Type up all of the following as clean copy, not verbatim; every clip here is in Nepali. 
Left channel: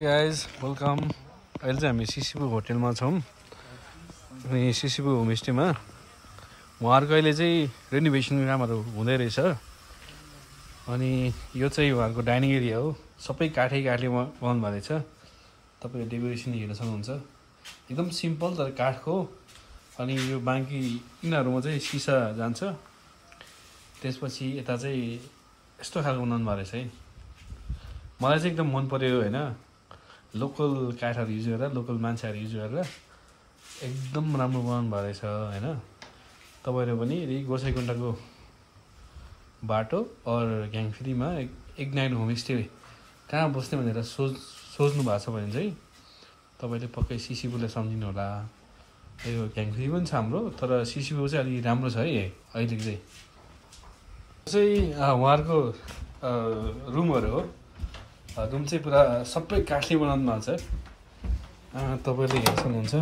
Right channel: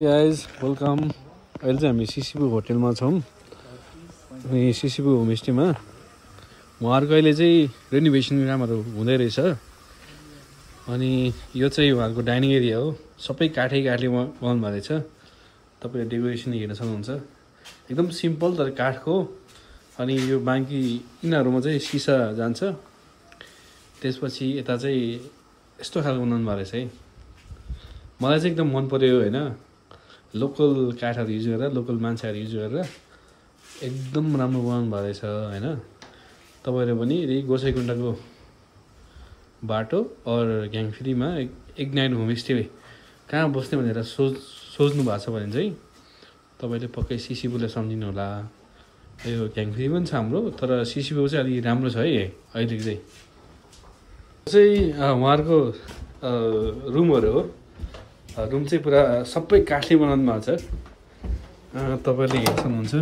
Guys welcome. अहिले चाहिँ हामी सिसिबु होटेलमा छौँ अनि सिसिबु होमस्टेमा उहाँहरूको अहिले चाहिँ रेनोभेसन कामहरू हुँदै रहेछ। अनि यो चाहिँ उहाँहरूको डाइनिङ एरिया हो, सबै काठले बनाउनु भएको रहेछ। तपाईँले डेकोरेसन हेर्न सक्नुहुन्छ, एकदम सिम्पल तर काठको। अनि यो बाँकी यिनीहरूमा चाहिँ सिसा जान्छ। त्यसपछि यता चाहिँ यस्तो खालको बनाउनु भएको रहेछ है, मलाई चाहिँ एकदम मन पर्यो होइन। लोकल काठहरू युज गरेर, लोकल मान्छेहरू युज गरेर एकदम राम्रो बनाउनु भएको रहेछ होइन। तपाईँहरू पनि यदि गोसाइकुण्डाको बाटो और ग्याङफ्रीमा इग्नाइट होमस्टे कहाँ बस्ने भनेर सोच्नु भएको छ भने चाहिँ तपाईँले पक्कै सिसिबुलाई सम्झिनु होला। यो ग्याङफ्री पनि छ हाम्रो, तर सिसिबु चाहिँ अलिक राम्रो छ है अहिले चाहिँ। उहाँहरूको रुमहरू हो, रुम चाहिँ पुरा सबै काठले बनाउनु भएको छ। तपाईँले हेर्न सक्नुहुन्छ,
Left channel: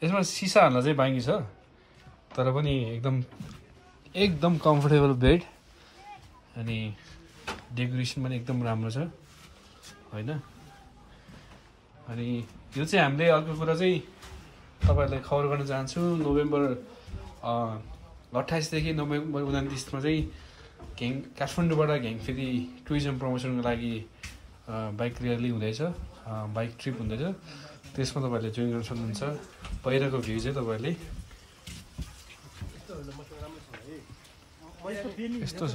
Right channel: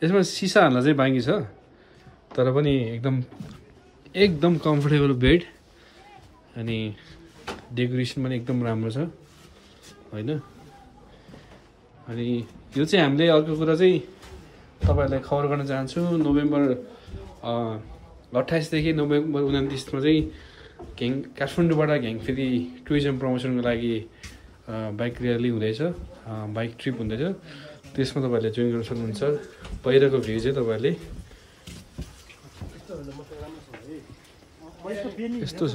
यसमा सिसा हाल्न चाहिँ बाँकी छ, तर पनि एकदम कम्फर्टेबल बेड अनि डेकोरेसन पनि एकदम राम्रो छ होइन। अनि यो चाहिँ हामीले अर्को कुरा चाहिँ तपाईँहरूलाई खबर गर्न चाहन्छु, नोभेम्बर 28 देखि नोभेम्बर 29मा चाहिँ काठमाडौँबाट ग्याङफ्री टुरिज्म प्रमोसनको लागि बाइक र्याली हुँदैछ, बाइक ट्रिप हुँदैछ। त्यसमा तपाईँहरूले जोइन गर्न सक्नुहुन्छ। बाहिरको भ्यू चाहिँ तपाईँहरूले यस्तो छ।